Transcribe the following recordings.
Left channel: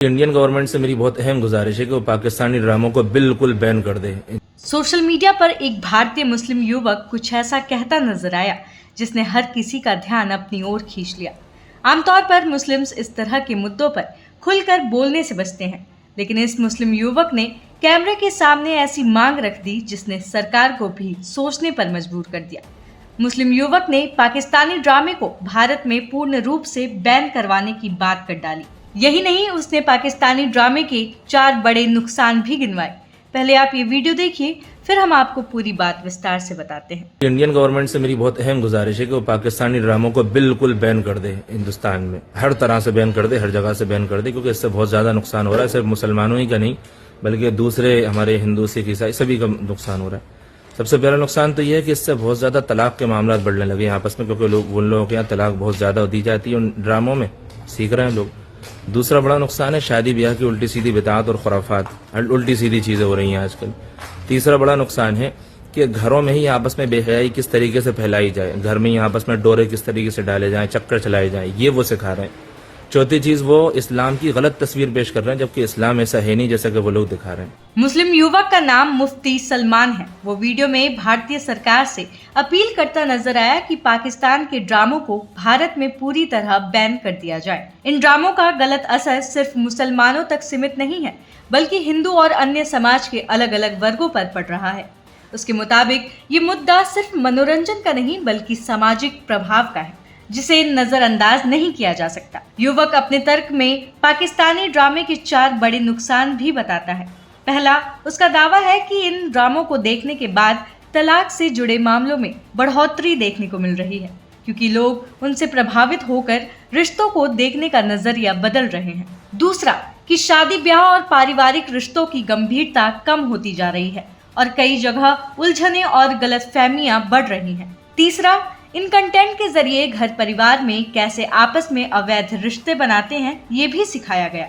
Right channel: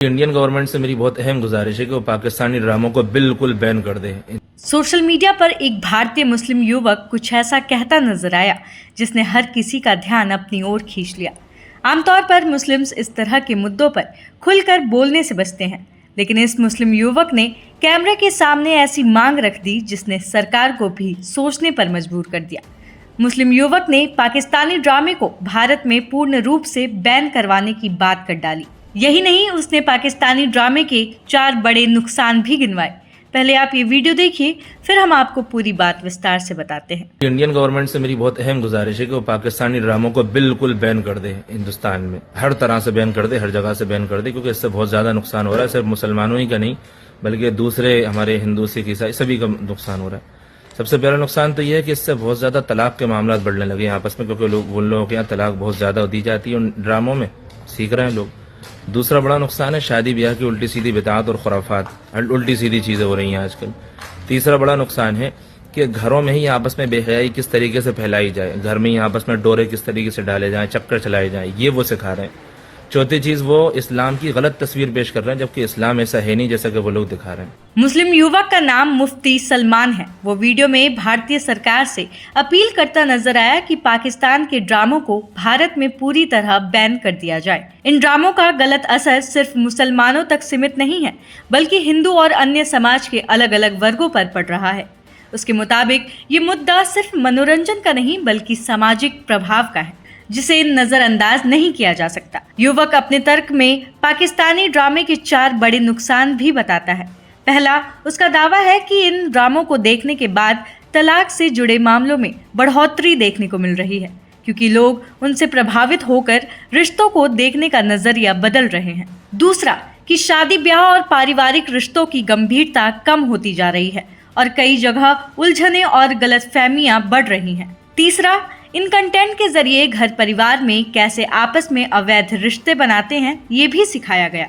Indian government से मेरी बहुत अहम गुजारिश है कि वो पाकिस्तानी ड्रामों को बिल्कुल बैन कर दे। सोशल मीडिया पर एक भारतीय मुस्लिम युवक कुछ ऐसा कहता नजर आया जिसने हर किसी का ध्यान अपनी ओर खींच लिया। आमतौर पर मुस्लिम्स इस तरह के मुद्दों पर खुलकर बोलने से बचते हैं, लेकिन इस मुस्लिम युवक ने कैमरे के सामने ऐसी मांग रख दी जिसने सरकार को भी सोचने पर मजबूर कर दिया। मुस्लिम युवक ने पाकिस्तानी ड्रामे को भारत में पूर्ण रूप से बैन करवाने की बात कर डाली। यही नहीं, उसने पाकिस्तानी ड्रामे के 4 बड़े नुकसान भी गिनवाए। पहले आप ये वीडियो देखिए, फिर हम आपको पूरी बात विस्तार से बताते हैं। इंडियन गवर्नमेंट से मेरी बहुत अहम गुजारिश है कि वो पाकिस्तानी ड्रामों को बिल्कुल बैन कर दे। हिंदुस्तान में हर तरह से बैन कर दे, हर जगह से बैन कर दे, क्योंकि इससे बहुत ज्यादा नुकसान हो रहा है। सिर्फ मुसलमानों ही का नहीं, बल्कि दूसरे हमारे हिंदू, सिख, ईसाई सभी का नुकसान हो रहा है। सबसे पहला नुकसान तो यह है कि इससे बहुत ज्यादा तलाक के मामला बढ़ने लगे आपस में, क्योंकि लोग उन लोगों के यहाँ तलाक बहुत ज्यादा दी जाती है उन ड्रामों में, सीख रहे हैं लोग। दूसरा बड़ा नुकसान है शादी ब्याह की उल्टी सीधी बिदात और खुराफात, उल्टी सीधी चीजें हो रही हैं आजकल। तीसरा बड़ा नुकसान है कि घरों में ही आपस में बेहयाई किस तरीके से फैलाई जाए, घर में ही आपस में डोरे किस तरीके से डाले जाएं, चक्कर चलाए जाएं, ये वो सिखा रहे हैं। चौथी चीज, वो इस्लाम की गलत तस्वीर पेश कर रहे हैं, जबकि इस्लाम ऐसा है नहीं जैसा कि वो लोग दिखा रहे हैं। मुस्लिम युवक का नाम मुफ्ती सलमान है। वो वीडियो में भारतीय सरकार से अपील करता नजर आया कि पाकिस्तान के ड्रामों को भारत में पूरी तरह बैन कर दिया जाए। इन ड्रामों का गलत असर सिर्फ मुसलमानों तक सीमित नहीं है, बल्कि हिंदू और अन्य समाज के अलग अलग वर्गों पर पड़ रहा है। उसके मुताबिक ये मुद्दा सिर्फ मनोरंजन का नहीं, बल्कि सामाजिक प्रभाव का है, जिसे नजरअंदाज नहीं किया जा सकता। युवक अपने तर्क में पाकिस्तानी ड्रामे के 4 बड़े नुकसान भी बताता है। पहला, उसका दावा है कि इन ड्रामों को देखने के बाद तलाक से जुड़े मामलों में बढ़ोतरी देखने को मिल रही है, क्योंकि लोग उनसे प्रभावित होकर रिश्तों को देखने का नजरिया बदल रहे हैं। दूसरा, कि शादी ब्याह और पारिवारिक रिश्तों की गंभीरता कम होती जा रही है और कई जगह उलझने और गलतफहमियां बढ़ रही हैं। तीसरा, इन कंटेंट के जरिए घर परिवार में कैसे आपस में अवैध रिश्ते बनाते हैं ये भी सिखाया गया।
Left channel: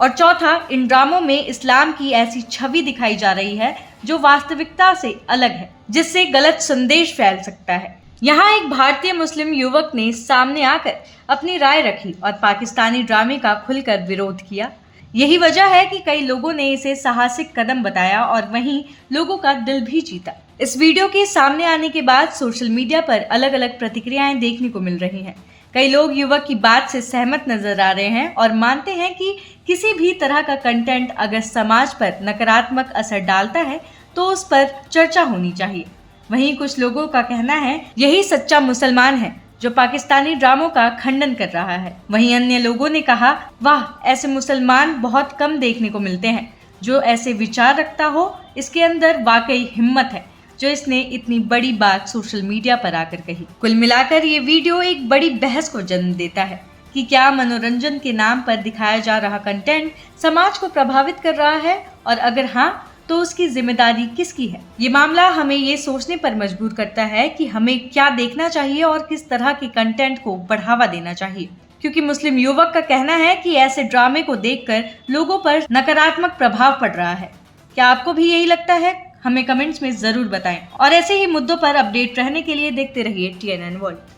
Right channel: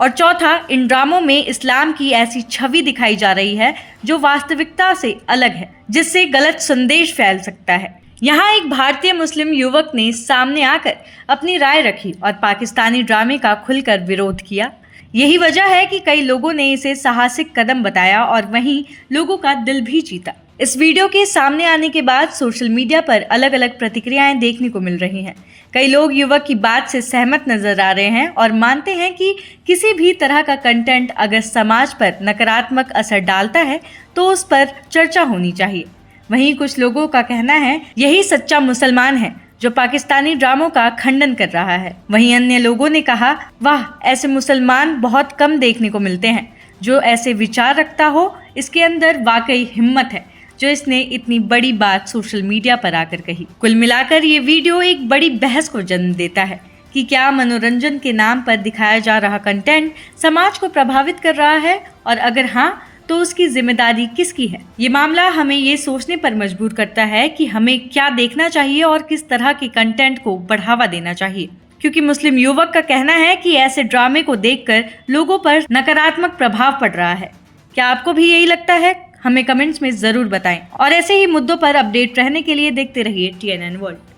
और चौथा, इन ड्रामों में इस्लाम की ऐसी छवि दिखाई जा रही है जो वास्तविकता से अलग है, जिससे गलत संदेश फैल सकता है। यहाँ एक भारतीय मुस्लिम युवक ने सामने आकर अपनी राय रखी और पाकिस्तानी ड्रामे का खुलकर विरोध किया। यही वजह है कि कई लोगों ने इसे साहसिक कदम बताया और वहीं लोगों का दिल भी जीता। इस वीडियो के सामने आने के बाद सोशल मीडिया पर अलग अलग प्रतिक्रियाएं देखने को मिल रही हैं। कई लोग युवक की बात से सहमत नजर आ रहे हैं और मानते हैं कि किसी भी तरह का कंटेंट अगर समाज पर नकारात्मक असर डालता है तो उस पर चर्चा होनी चाहिए। वहीं कुछ लोगों का कहना है यही सच्चा मुसलमान है जो पाकिस्तानी ड्रामों का खंडन कर रहा है। वहीं अन्य लोगों ने कहा, वाह, ऐसे मुसलमान बहुत कम देखने को मिलते हैं जो ऐसे विचार रखता हो। इसके अंदर वाकई हिम्मत है जो इसने इतनी बड़ी बात सोशल मीडिया पर आकर कही। कुल मिलाकर ये वीडियो एक बड़ी बहस को जन्म देता है कि क्या मनोरंजन के नाम पर दिखाया जा रहा कंटेंट समाज को प्रभावित कर रहा है, और अगर हाँ तो उसकी जिम्मेदारी किसकी है। ये मामला हमें ये सोचने पर मजबूर करता है कि हमें क्या देखना चाहिए और किस तरह के कंटेंट को बढ़ावा देना चाहिए, क्योंकि मुस्लिम युवक का कहना है कि ऐसे ड्रामे को देखकर लोगों पर नकारात्मक प्रभाव पड़ रहा है। क्या आपको भी यही लगता है? हमें कमेंट्स में जरूर बताएं और ऐसे ही मुद्दों पर अपडेट रहने के लिए देखते रहिए TNN वर्ल्ड।